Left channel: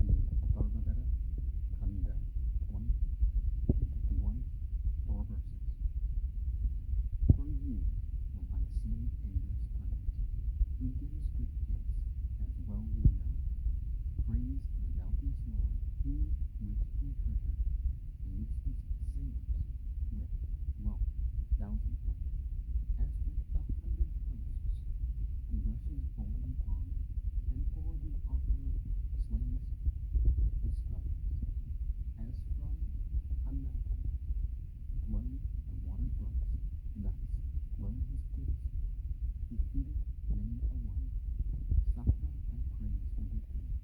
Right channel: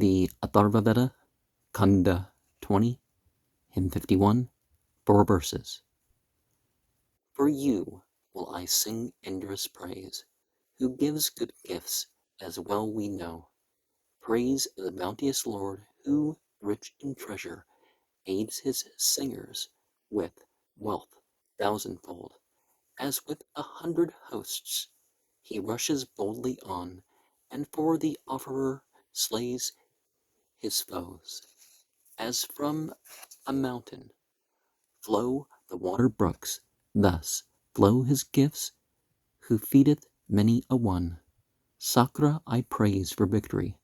the Atharvaveda, Kanda 20, hymn 51, 4 verses. For you will I sing Indra's praise, who gives good gifts, as well we know. Praise the bounteous Lord, who, rich in treasure, aids his singers with wealth thousandfold. As with 100 hosts he rushes boldly on, and for the offerer slays his foes. As from a mountain flow the water brooks, thus flow his gifts, who feedeth many a one. Sakra I praise for victory,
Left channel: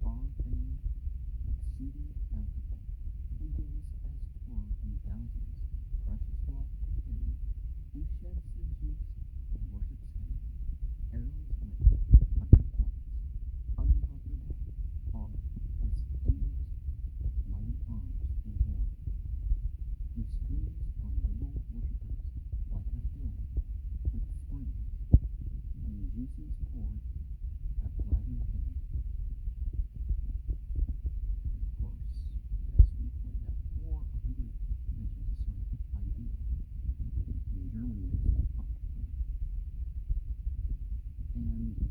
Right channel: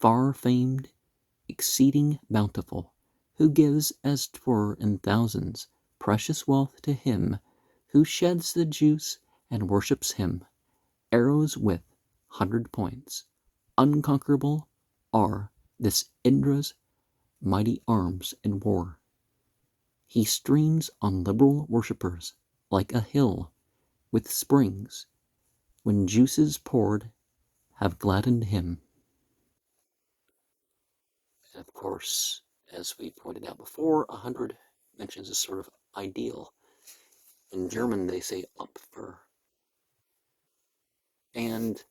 far famed, exceeding bountiful, who gives as 'twere in thousands precious wealth to him who sheds the juice and worships him. Arrows with 100 points, unconquerable, are this Indra's mighty arms in war. He streams on liberal worshippers like a hill with springs, when juices poured have gladdened him. And of course, as we pointed out before, 100 mentions a sort of ideal. In German, they say Opfer. And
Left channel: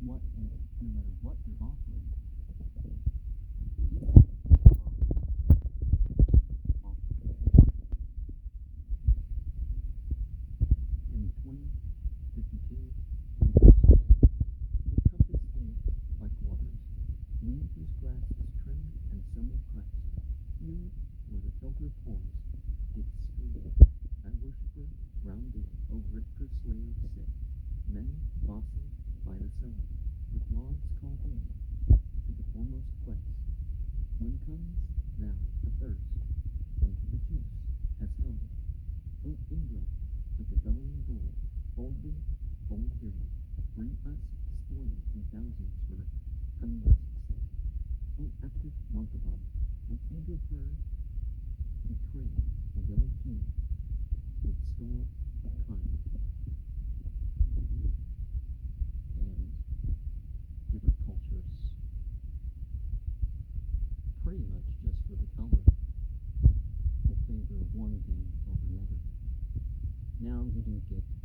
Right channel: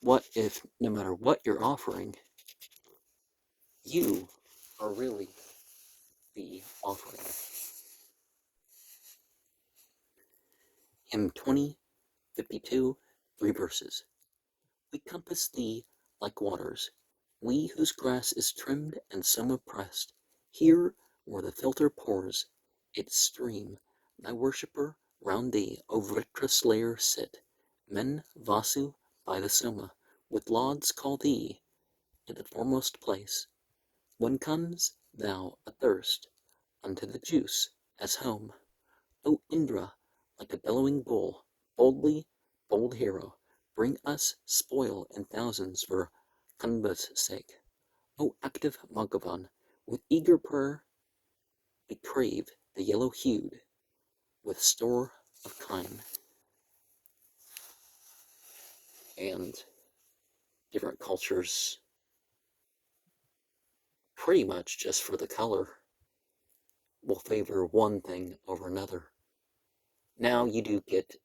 what if, no matter what you're offering, you are really the offering? Hymn 20, 52, 3 verses. We compass thee like waters, we whose grass is trimmed and some oppressed. Here, where the filter pours its stream, thy worshipper round thee, O Vritra slayer, sit. Men Vasu by the Soma, with lauds call thee to the foremost place. When comes thou athirst unto the juice as home, O Indra, like a bellowing bull, boldly, bold hero, bring us spoil in thousands for Kanda's sake. O active Bhagavan, with eager prayer we crave the yellow-hued with store of kine. And different cultures, pretty much just for the color, will favor one thing over another. Now you do get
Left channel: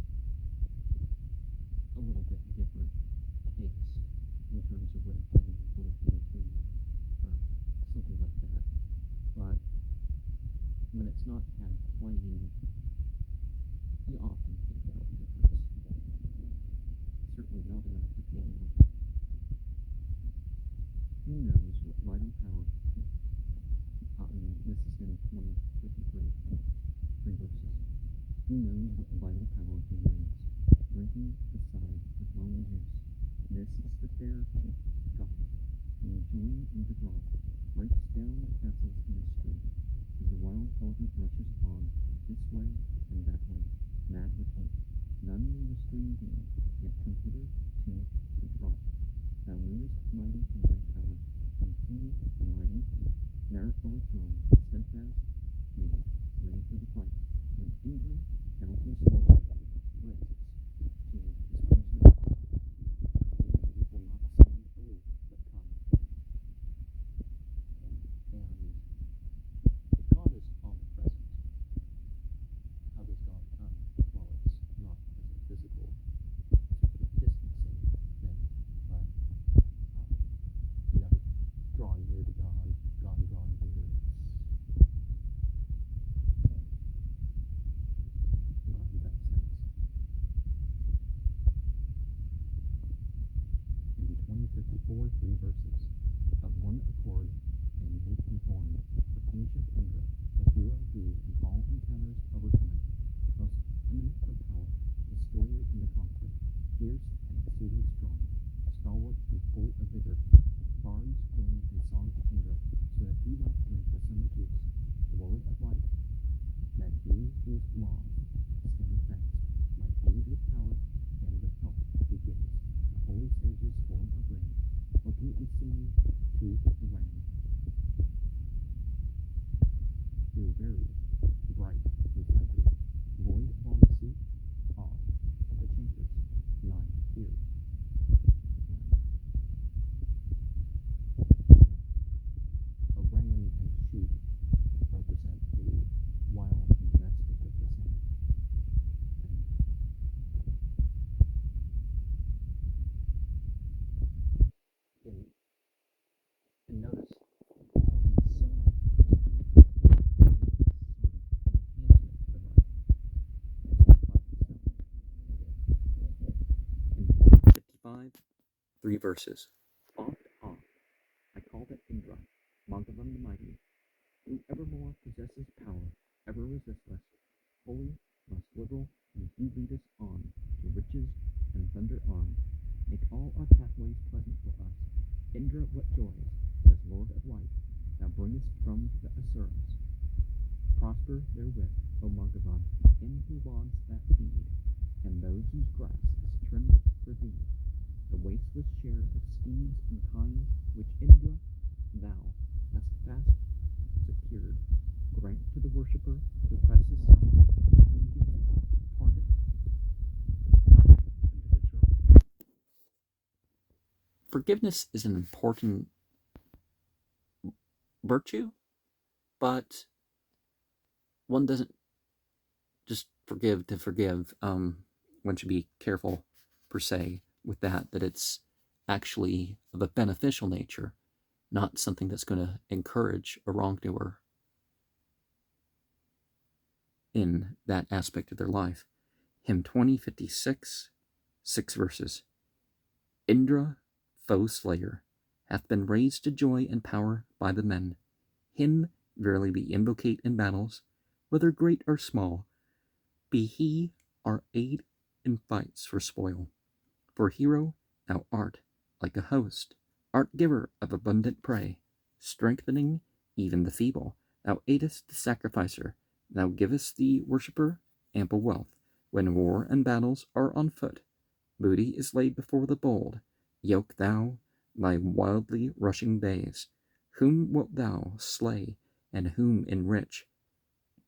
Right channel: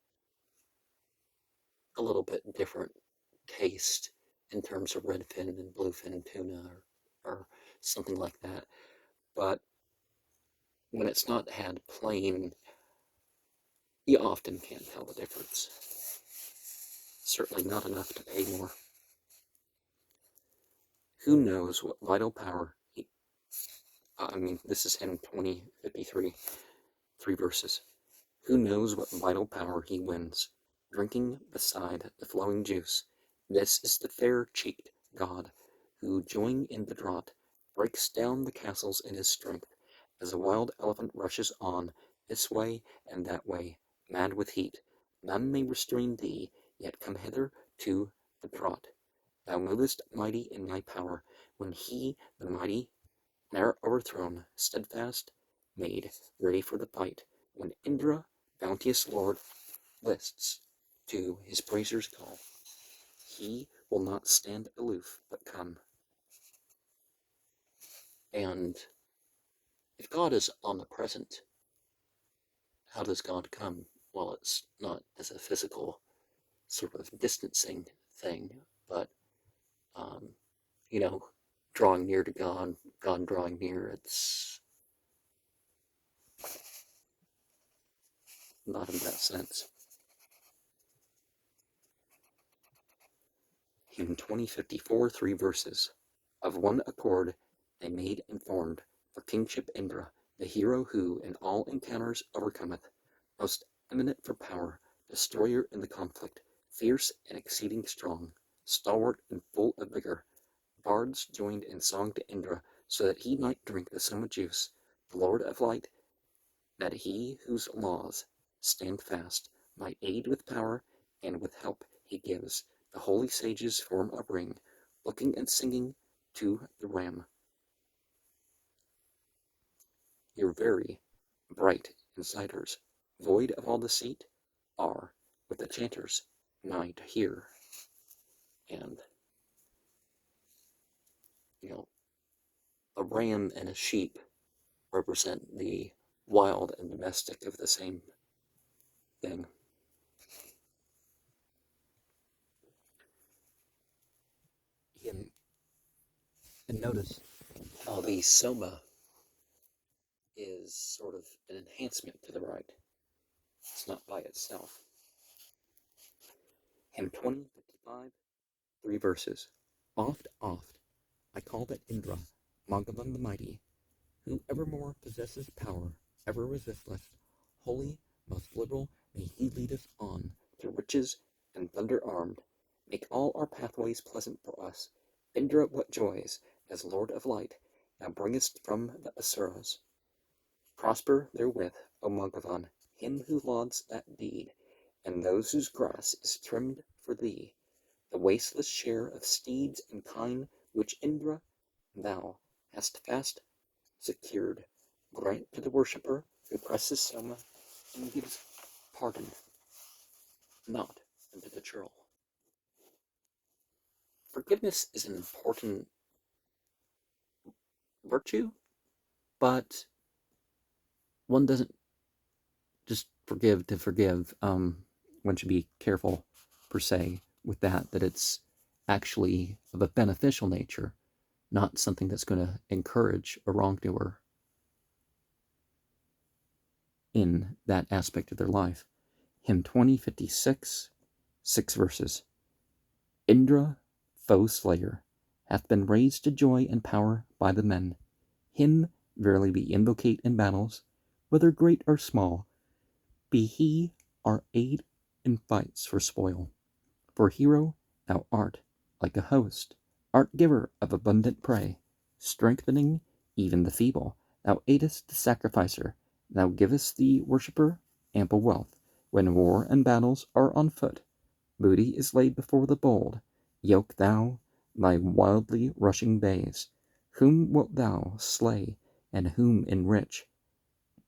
a little bit different taste in terms of redfin and bluefin tuna or something like that, but when it's not had plain, you often can't tell the difference. Certainly not enough to pay more. Who knows what vital power this is hymn 2053, 3 verses. Who knows what vital power he wins, drinking beside the flowing juice. This is the fair-cheeked god, who, joining in the draught, breaks down the castles in his strength, as a wild elephant rushes on, this way and that way, mad with heat. None may restrain thee, yet come hither to the draught. Thou movest mighty in thy power, when he, the mighty, ne'er overthrown, steadfast, made, ready for the fight, when Indra, bounteous Lord, lists to his praisers call. He will not stand aloof, but come. And if God is omnipresent, how does God come? Well, it's not as a physical sort of distancing thing, but drawing near to God, God drawing near. It's not in that sense. Hymn 2054, 3 verses. Of one accord they made and formed for kingship Indra, the hero who in all encounters overcometh, most eminent for power, destroyer in the conflict, fierce and exceeding strong, stalwart and full of vigor. Bards joined in song to Indra, so that he might drink the summer juice, the Lord of light, that he whose laws stand fast might aid with power, and with help he gives the holy sages form a ring, looking and singing to the ram. Your very bright inciters, void of all deceit, are with the chanters nigh to hear. And ram and a sheep represent the wild and domestic of the same thing. And notice how the soma is sort of an enhancement to the rite. It's not by itself. Hymn 2055, 3 verses. Oft, I call that Indra, Magavan the mighty, who evermore possesses power, ever resistless, holy, most liberal, may he lead us on to riches and thunder armed, make all our pathways pleasant for us. Indra, what joys, as Lord of light, thou bringest from the Asuras. Prosper therewith, O Magavan, him who lauds that deed, and those whose grass is trimmed for thee, the wasteless share of steeds and kine which Indra thou hast fast secured, grant to the worshipper who presses soma and gives pardon, not unto the churl. Forgiveness is an important virtue, but one doesn't just forgive to forgive. One should be careful, per se, with that it's actually of a beneficial nature, not something that's going to encourage a wrongdoer in that aspect of their life. Hymn 2056, 6 verses. Indra, foe slayer, hath been raised to joy and power by the men. Him verily we invocate in battles, whether great or small. Be he our aid in fights for spoil. For hero thou art, like a host, art giver of abundant prey, strengthening even the feeble. Thou aidest the sacrificer, thou givest the worshipper ample wealth. When war and battles are on foot, booty is laid before the bold. Yoke thou thy wildly rushing bays. Whom wilt thou slay, and whom enrich?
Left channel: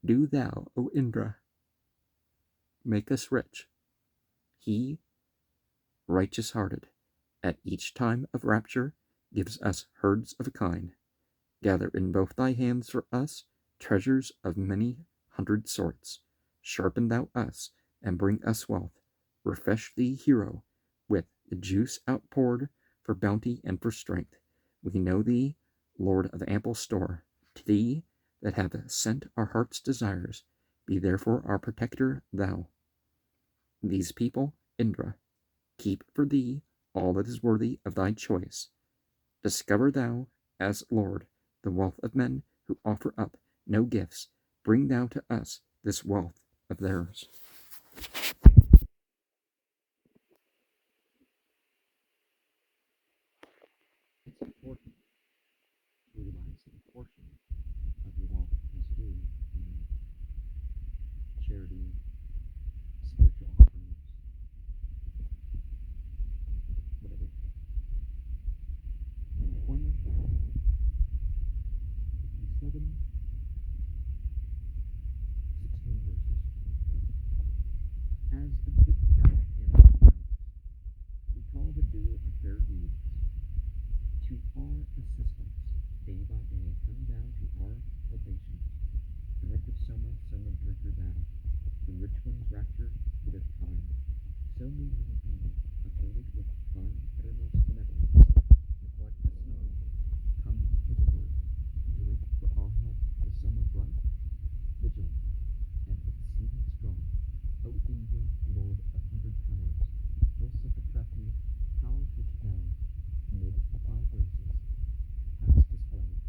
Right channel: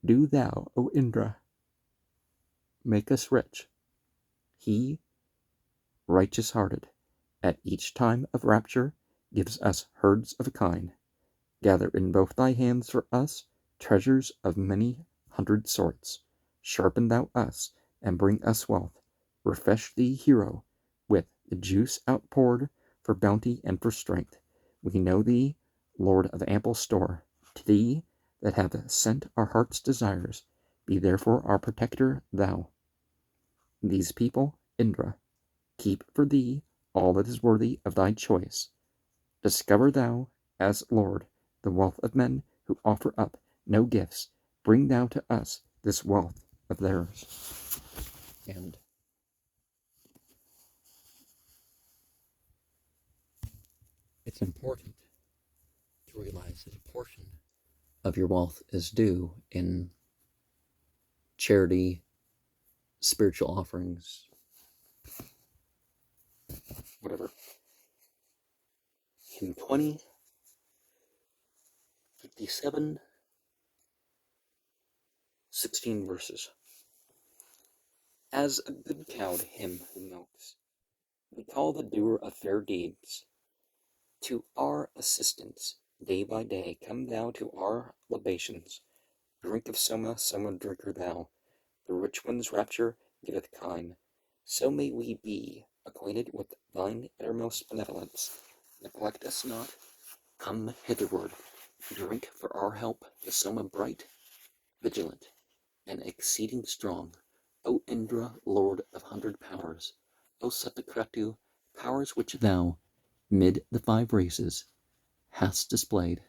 Do thou, O Indra, make us rich. He, righteous-hearted, at each time of rapture, gives us herds of kine. Gather in both thy hands for us treasures of many hundred sorts. Sharpen thou us, and bring us wealth. Refresh thee, hero, with the juice outpoured for bounty and for strength. We know thee, Lord of ample store. To thee that have sent our heart's desires, be therefore our protector thou. These people, Indra, keep for thee all that is worthy of thy choice. Discover thou, as Lord, the wealth of men who offer up no gifts. Bring thou to us this wealth of theirs. And it's important to realize that a portion of your wealth is due in charity, spiritual offerings, whatever. In 2057, 16 verses. As a good cow to him who milks, we call the doer of fair deeds to our assistance. Day by day come thou to our libations. Drink of soma, soma drinker thou. The rich one's rapture giveth kine. So may we be acquainted with thine uttermost benevolence. Neglect us not. Come hitherward. Drink for our help the soma bright, vigilant, and exceeding strong. O Indra, Lord of 100 powers, O Satakretu, powers which thou, mid the 5 races, hast displayed.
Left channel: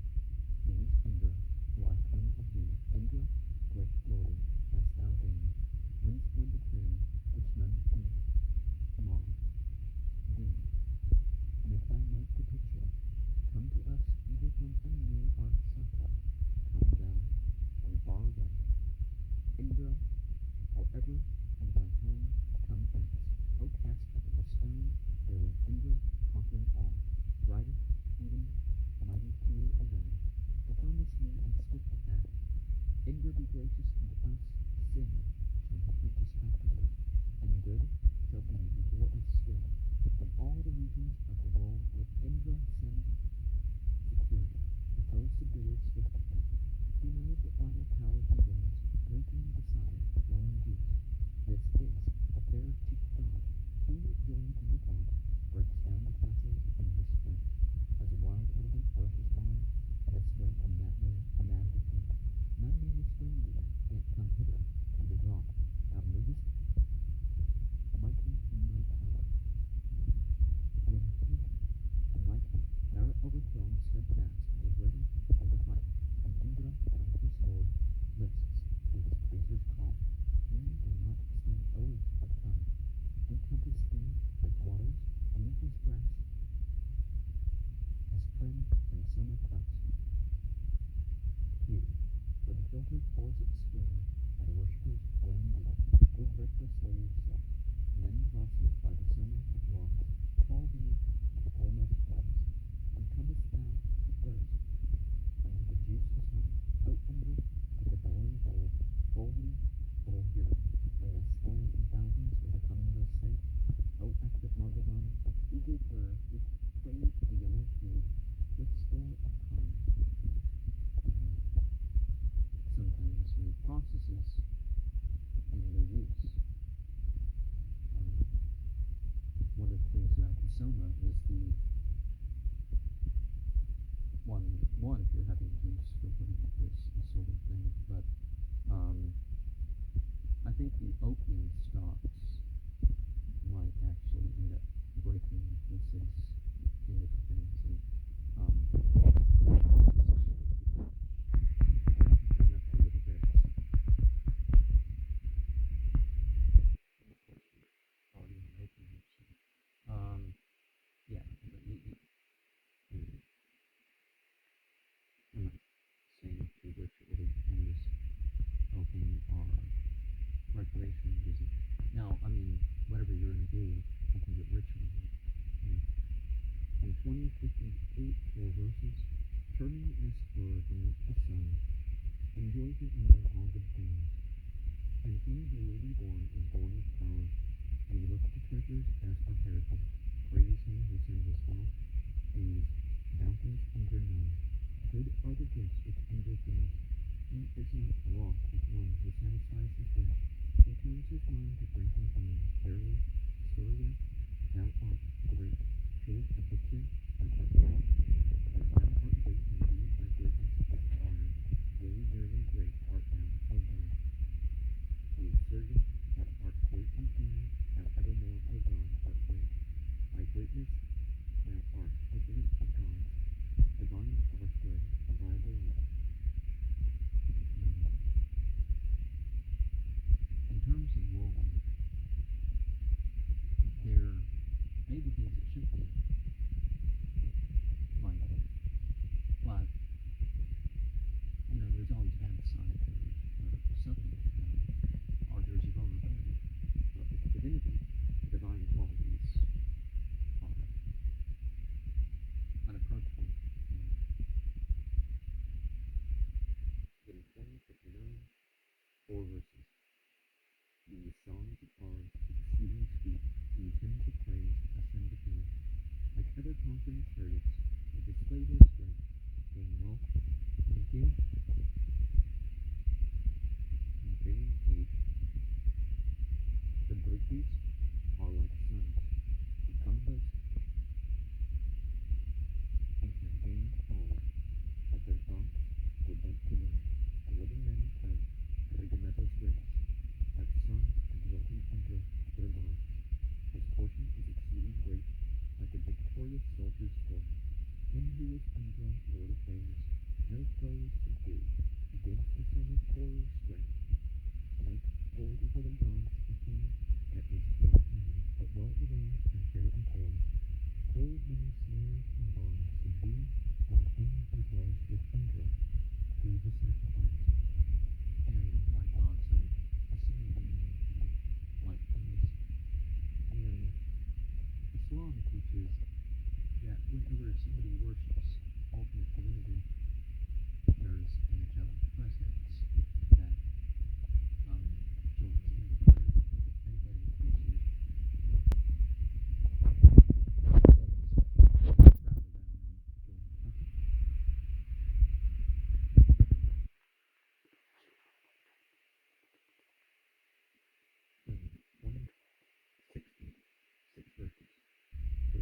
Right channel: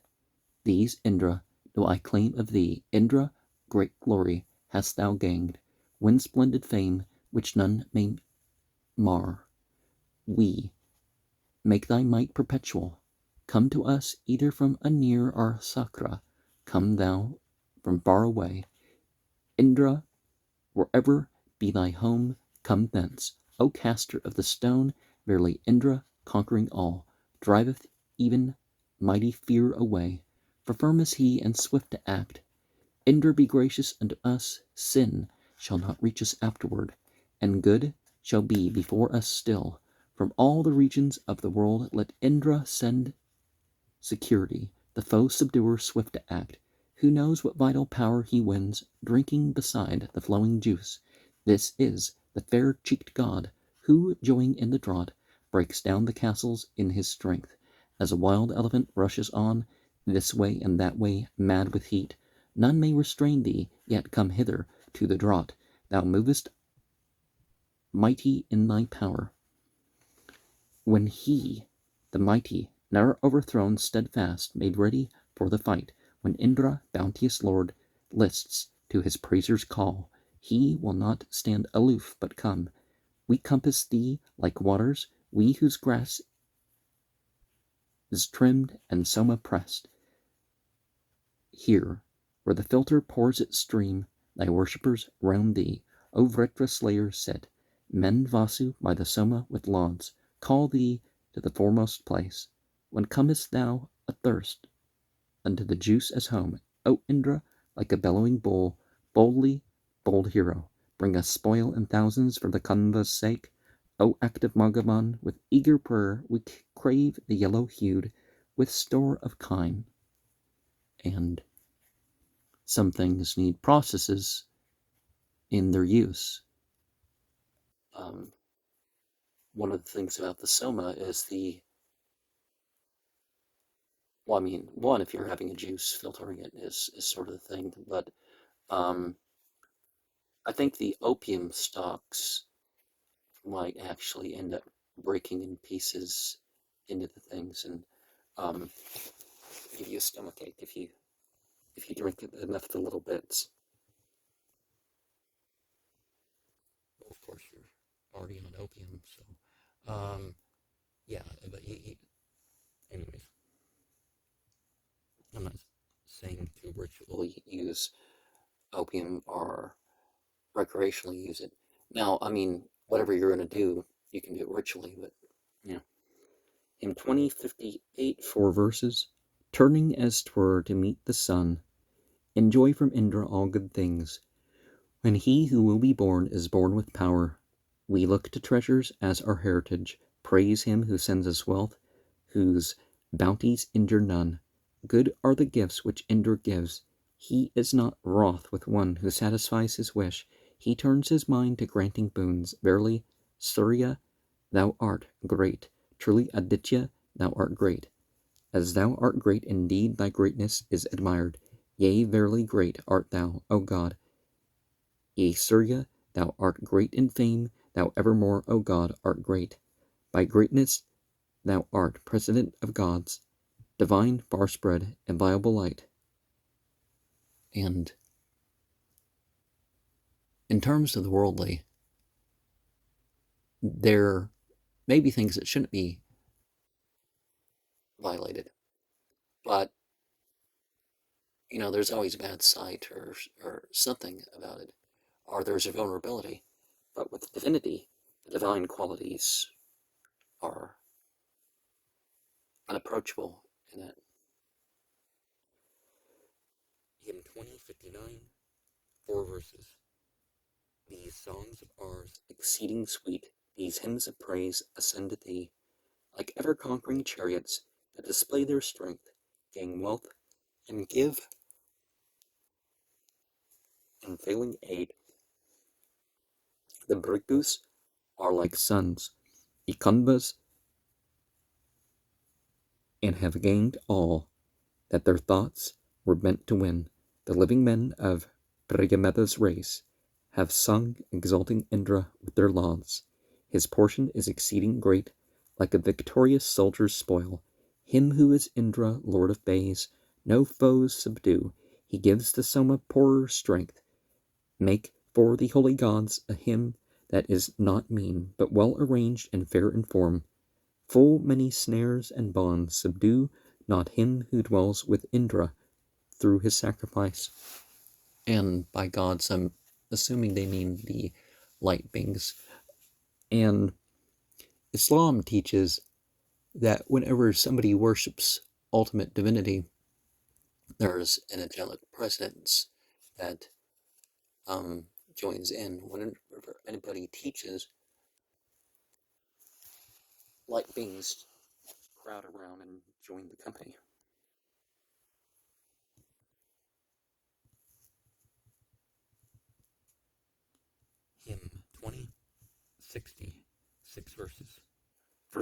These, Indra, do I claim of thee. Indra, great glory hast thou gained, win splendid fame which none may mar. We make thy might perpetual. Come to us either from anear or Sakra. Come thou from far away. Indra, wherever be thy home, come thence. O caster of the stone, verily Indra, conquering all, driveth even mighty fear away. For firm is he and swift to act. Indra, be gracious unto us. Sin shall not reach us afterward, and good shall be before us still. From all the regions of the world let Indra send security the foe subduer swift to act. Who knows what vital power he wins, drinking beside the flowing juice? This is the fair-cheeked god, who, joying in the draught, breaks down the castles in his strength. As a wild elephant rushes on, this way and that way, mad with heat, none may restrain thee, yet come hither to the draught. Thou movest mighty in thy power. When he, the mighty, ne'er overthrown, steadfast, made ready for the fight, when Indra, bounteous lord, lists to his praisers' call, he will not stand aloof, but come. We compass thee like waters, we whose grass is trimmed and Soma pressed. Here, where the filter pours its stream, thy worshippers round thee, O Vritra slayer, sit. Men Vasu by the Soma with lauds call thee to the foremost place. When comest thou athirst unto the juice as home, O Indra, like a bellowing bull, boldly, bold hero, bring us spoil in thousands for the Kanda's sake. O active Magavan, with eager prayer we crave the yellow-hued, with store of kine. And some things need processes in their use. One of the things about the Soma is one, if you're having a juice, filtering it is sort of the thing, but I think the opium stalks might actually end up breaking in pieces into the things and give you a stomachache if you drink enough of the little bits. Well, of course, you're already on opium, so yeah. But anyways, I'm not saying to ritually use opium or recreationally use it. Now, I mean, whatever you're going to do, you can do it ritually, but, you know. In 2058, 4 verses, turning as 'twere to meet the sun, enjoy from Indra all good things. When he who will be born is born with power, we look to treasures as our heritage, praise him who sends us wealth, whose bounties injure none. Good are the gifts which Indra gives. He is not wroth with one who satisfies his wish. He turns his mind to granting boons. Verily, Surya, thou art great. Truly, Aditya, thou art great. As thou art great, indeed thy greatness is admired. Yea, verily great art thou, O God. Yea, Surya, thou art great in fame, thou evermore, O God, art great. By greatness thou art president of gods, divine, far spread, inviolable light. And in terms of the worldly, there may be things that shouldn't be violated, but there's always a bad side or something about it, or there's a vulnerability. But with divinity, the divine qualities are unapproachable in that. In 2059, 4 verses. These songs of ours, exceeding sweet, these hymns of praise ascend to thee, like ever-conquering chariots that display their strength, gain wealth, and give unfailing aid. The Brigus are like suns, Ikundvas, and have gained all that their thoughts were meant to win. The living men of Brigameda's race have sung, exalting Indra with their lauds. His portion is exceeding great, like a victorious soldier's spoil. Him who is Indra, lord of bays, no foes subdue. He gives the Soma poorer strength. Make for the holy gods a hymn that is not mean, but well arranged and fair in form. Full many snares and bonds subdue not him who dwells with Indra through his sacrifice. And by gods, I'm assuming they mean the light beings. And Islam teaches that whenever somebody worships ultimate divinity, there's an angelic presence that joins in. Whenever anybody teaches, light beings crowd around and join the company.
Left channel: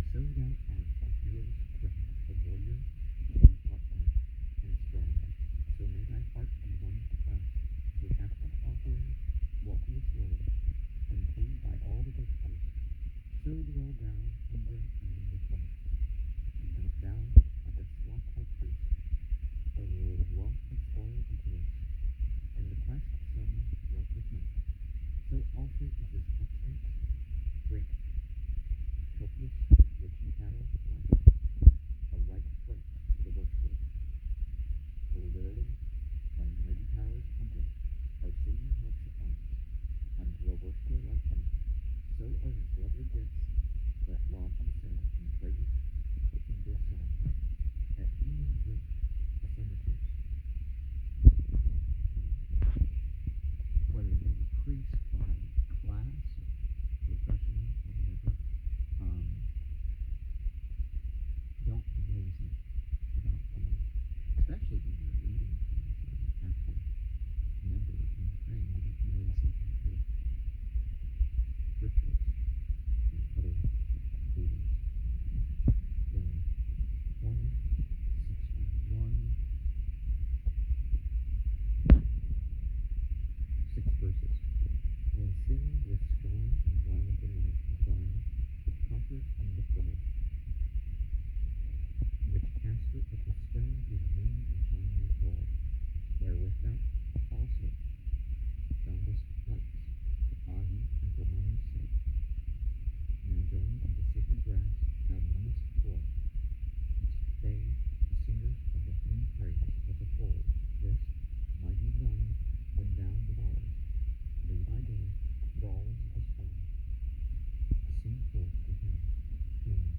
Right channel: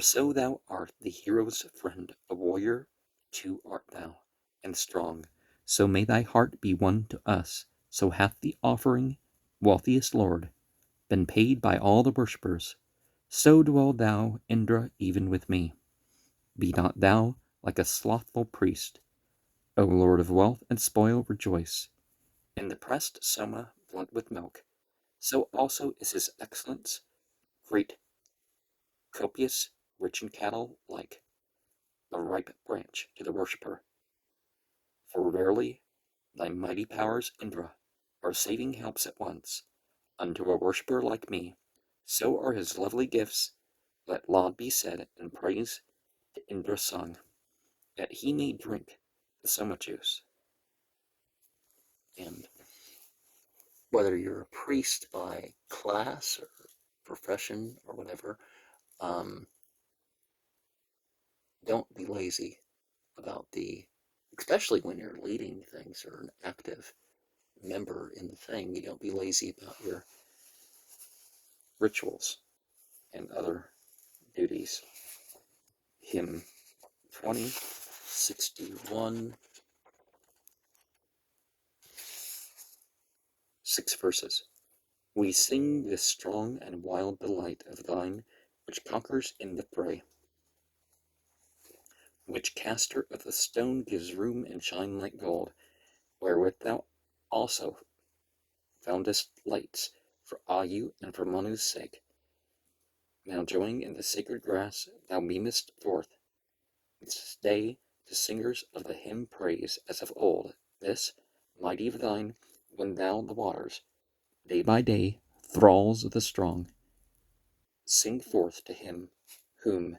so thou art the hero's friend, a warrior too art thou, and strong. So may thy heart be one to us. So hath the offering, wealthiest lord, been paid by all the worshippers. So dwell thou, Indra, even with me. Be not thou like a slothful priest. O Lord of wealth and spoil, rejoice. In the pressed Soma blood with milk, so also is his excellence, great, copious, rich in cattle, like a ripe branch to the worshipper. For rarely thy mighty powers, Indra, are saving helps at once unto a worshipper like me. So are his lovely gifts. Let laud be said and praise to Indra sung, that he may drink the Soma juice. And whether you're a priest by class or profession or whatever, don't be lazy about especially when you're leading things or an active member in the thing, you don't be lazy about your rituals and other duties. Hymn 2061, 6 verses. We sing this strong and wild delight of thine, which conquers in the fray, which caster of the stone gives room and shine like gold, wherewith thou also foundest lights for Ayu and for Manu's sake. Now joining in the sacred grass, thou beamest forth its day to singers of the hymn praise, as of old, this, mighty of thine, when thou the waters, day by day, thralls of the strong, sing forth to him whom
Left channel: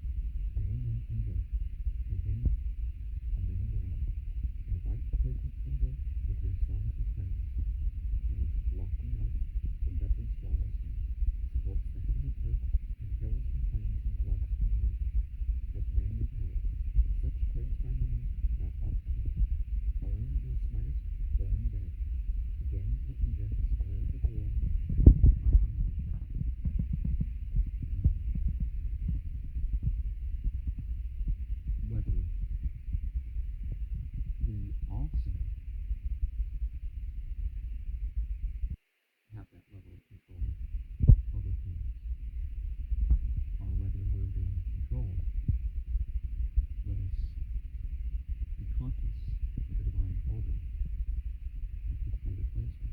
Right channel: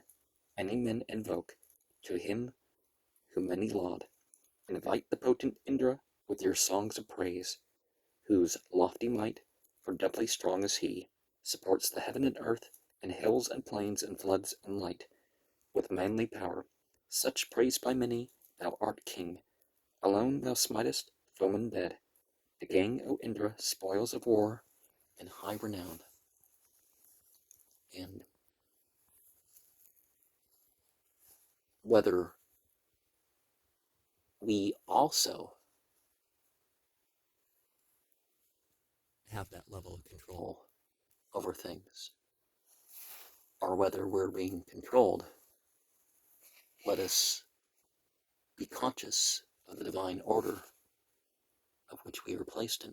any men invoke, to him whom many laud. Invite the potent Indra with your songs of praise, whose lofty might, for doubly strong is he, supports the heaven and earth, and hills and plains and floods and light, with manly power. Such praise by many, thou art king. Alone thou smitest foemen dead. The gang, O Indra, spoils of war and high renown. And whether we also have that level of control over things, or whether we're being controlled, let us be conscious of the divine order of which we are placed in.